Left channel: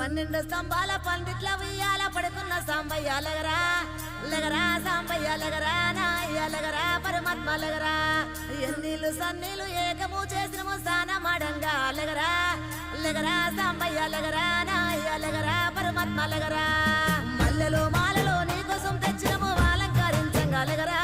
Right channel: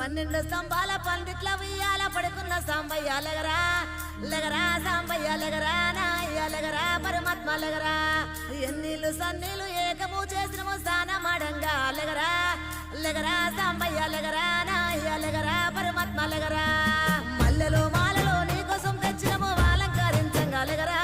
12 స్తంభాల పందిట్ల ఉయ్యాల పడుకున్న సాంబయ్య లగరా లగరా సాంబయ్య లగరా నాయ్య లగరా పరమాత్మ లగరా ఎన్నీళ్ళు సన్నీళ్ళు ఏకము చేసినము స్నానమాడంగా లగరా లగరా సాంబయ్య లగరా నాయ్య లగరా పరమాత్మ లగరా మల్లెలు మాలలో నీకోసం తెచ్చినము అలంకరించంగా లగరా